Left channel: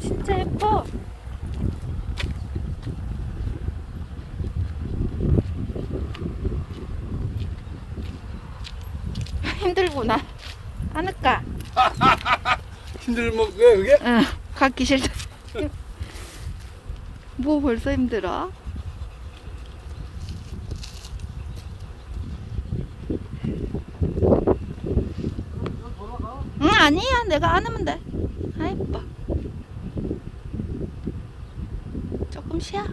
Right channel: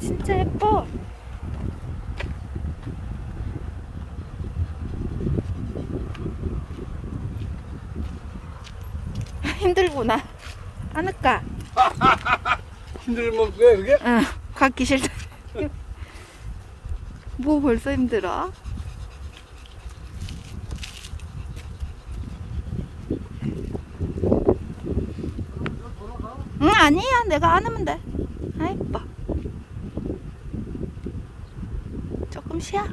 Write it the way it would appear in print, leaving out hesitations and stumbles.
진짜 예뻐. 힘들구나. 안을까? 힘들면 왜 그게? 응, 가기 싫다. 뭐 벌써 힘들어? 응, 아니야. 내가 안으면 돼. 아, 이뻐. 조금 쉬어.